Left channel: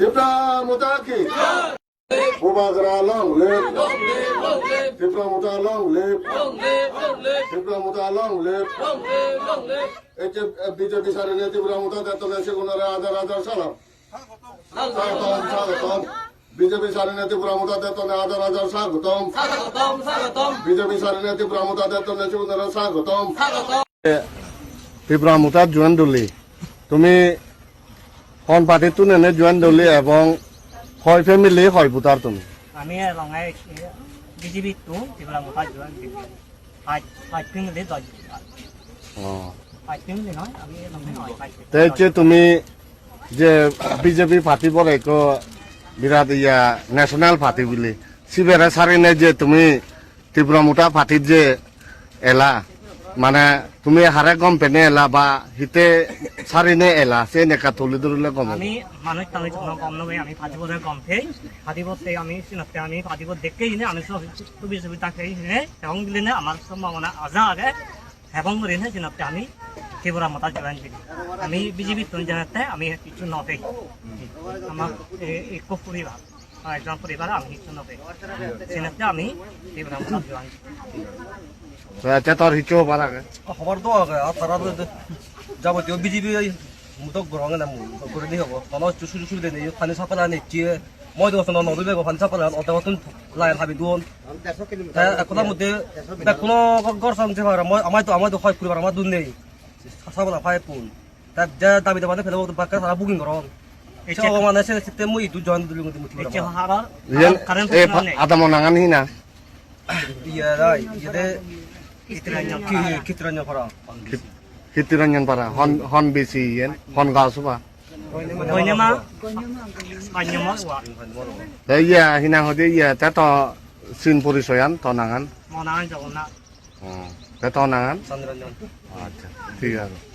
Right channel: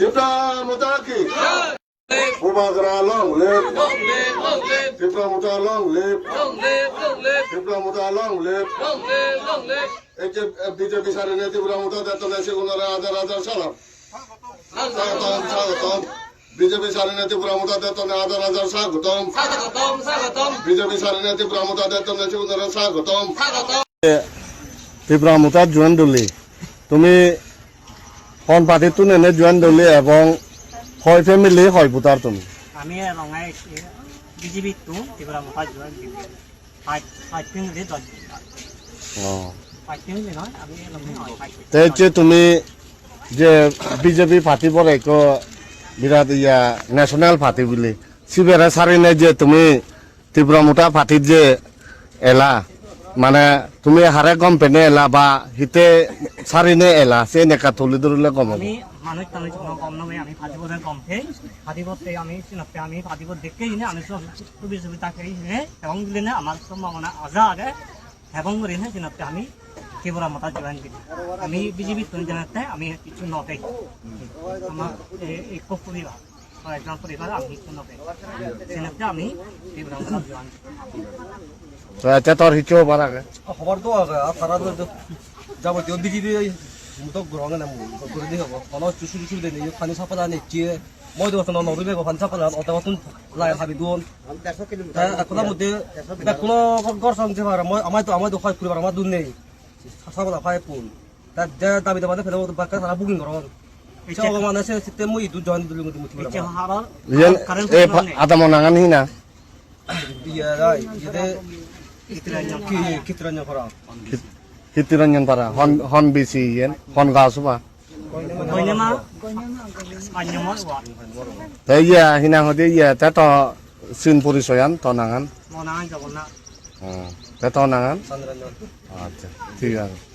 Tifra Mutaki. Umagra long live. Tifra Muta long live. Tifra Muta long live. BJP সারেনে Tripura মুতা দেতনে সেগুনারে আদার সালাম স্বাগতম BJP সারেনে Tripura মুতা দেতনে আদার স্বাগতম BJP সারেনে Tripura মুতা দেতনে সেগুনারে স্বাগতম Tripura মুতা join দলি তুমি কোন পার্টি তুনে জয়েন দলি এবং কয় ফ্যামিলি কয় ভোটার তুমি আমি রঙাই বিজেপি তো ত্রিপুরা মুতা জয়েন দিই আজ ফ্যামিলি 10 তুমি যে বিজেপি পার্টি পরে বিরাট ইয়া ন্যাশনাল পার্টি বলি সিবেরে সারিনে যে তুমি ত্রিপুরা মুতা পার্টির যে এলা মানে তুমি হারে গম পেনে এলা বা হিতে সারিনে এলা সে নেকা তুলি ধরলে গম আমি মানুষ আমি গম নবে আমি পাঁচিবরে গম পেই পাঁচিবতে আমি সিনতে আমি পাঁচিবর দেখেই নে আমি তো বিজেপি তাকেই নে এবং দিলে না আমার সম্ভাবনা আজা আগে এবং রেনে সিনতে আমি ত্রিপুরা মুতা জয়েন দিই আমি বিজেপি তুন জানাতে আমি কিছু নবে আমার এক পরিবার একজন পরিবার আমি কিছু নবে সিনতে আমি ত্রিপুরা মুতা জয়েন আচ্ছা তোর হিচো পারাগে খবর তো আগে আর তারা যাবতীয় বিজেপি মুতক গ্রহণ না করে দিয়ে হবো তখন সুযোগ সুবিধা নেই ফানি সাপালা নেই মই দোকান নদী বেগ ফানি সাপালা অত অতন লাই হাবি দুন এখন মধ্যে কোনো গড় সামছে মই আমার তো হয় পরিবার আমার দুন নেই সাপালা ফাই পুন তার যা দাবি দাবানে ফেলে বাক্কা সারা বুকিং করন এটা মানে সে সিস্টেম মই দু জয়েন দিলি মধ্যে মুতি এটা হারা কারেন্ট আদাম নাগান হিনা ইয়া রাই ইদে কিতরাnya kora Kitiranyan para hon bisi yen hon gasuba Koinema Kanyama wa Iya hinang hode iya tato sin purisoyan tonangan Monangan jogona Tato nangan Sandranyan Acha ঠিক আছে